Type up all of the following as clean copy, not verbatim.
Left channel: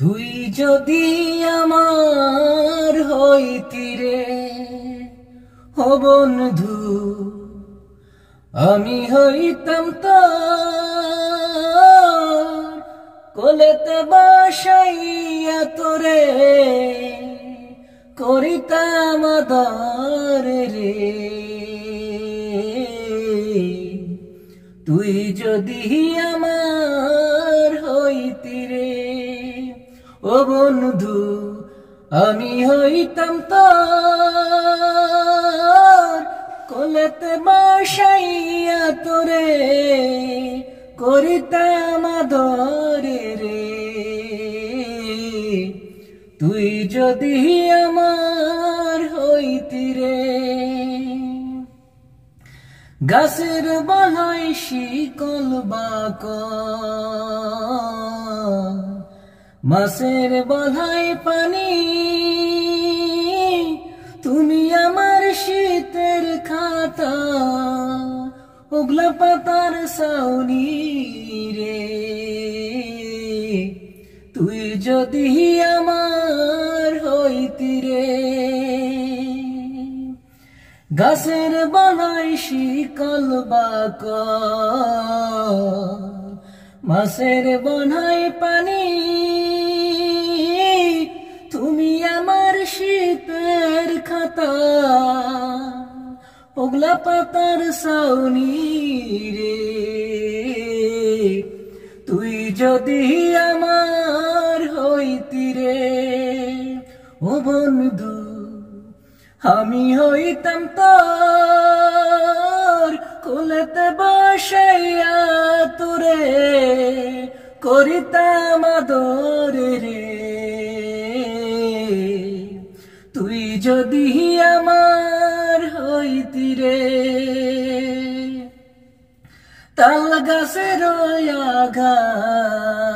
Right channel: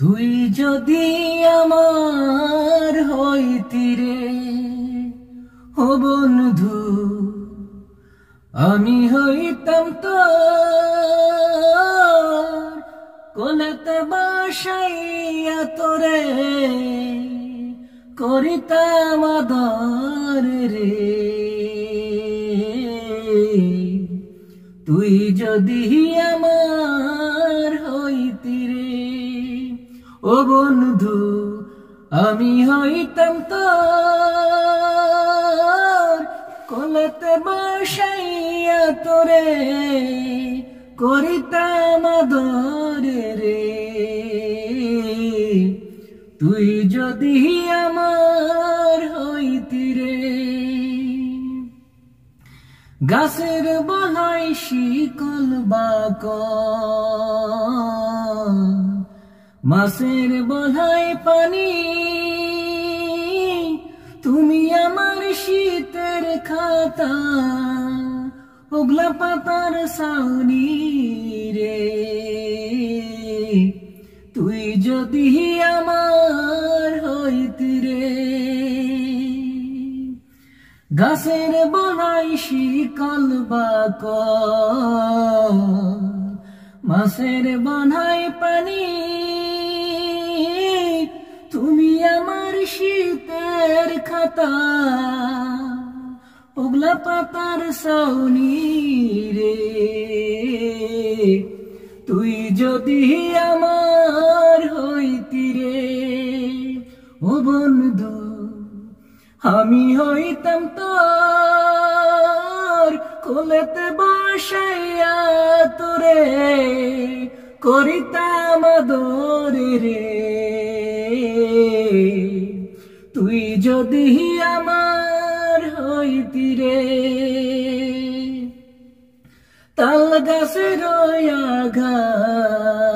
তুই যদি আমার হইতি রে ও বন্ধু, আমি হইতাম তোর কোলেতে বসাইয়া তোরে করিতাম আদর রে। তুই যদি আমার হইতি রে ও বন্ধু, আমি হইতাম তোর কোলেতে বসাইয়া তোরে করিতাম আদর রে। তুই যদি আমার হইতি রে। গাছের বলাই শিকল বাকল, মাছের বলাই পানি, তুমি আমার শীতের খাতা ওগলা পাতার ছাউনি রে। তুই যদি আমার হইতি রে। গাছের বলাই শিকল বাকল, মাছের বলাই পানি, তুমি আমার শীতের খাতা ওগলা পাতার ছাউনি রে। তুই যদি আমার হইতি রে ও বন্ধু, আমি হইতাম তোর কোলেতে বসাইয়া তোরে করিতাম আদর রে। তুই যদি আমার হইতি রে। তাল গাছের আঘায়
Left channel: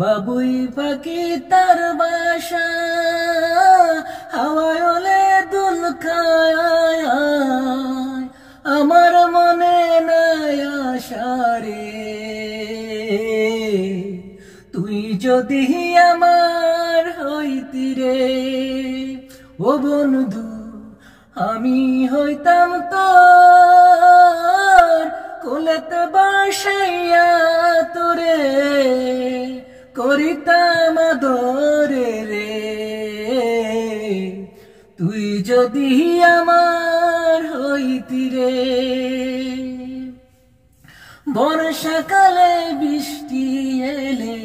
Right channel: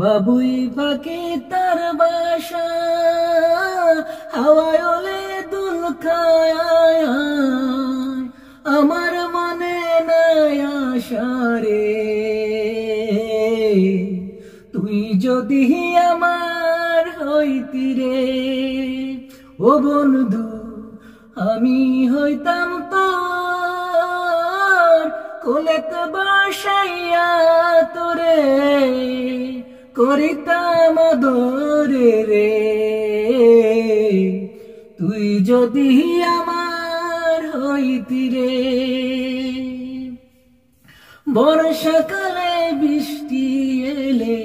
বাবুই পাখি তার বাসা, হাওয়ায় ওলে দুল খায় আমার মনে নাই আশা রে। তুই যদি আমার হইতি রে ও বন্ধু, আমি হইতাম তোর কোলেতে বসাইয়া তোরে করিতাম আদর রে। তুই যদি আমার হইতি রে। বর্ষাকালে বৃষ্টি এলে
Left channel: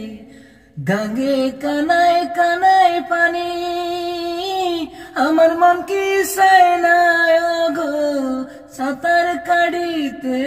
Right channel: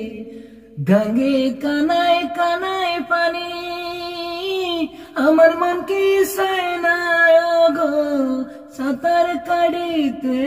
গাঙ্গে কানায় কানায় পানি, আমার মন কি চায় না গো সাঁতার কাটিতে।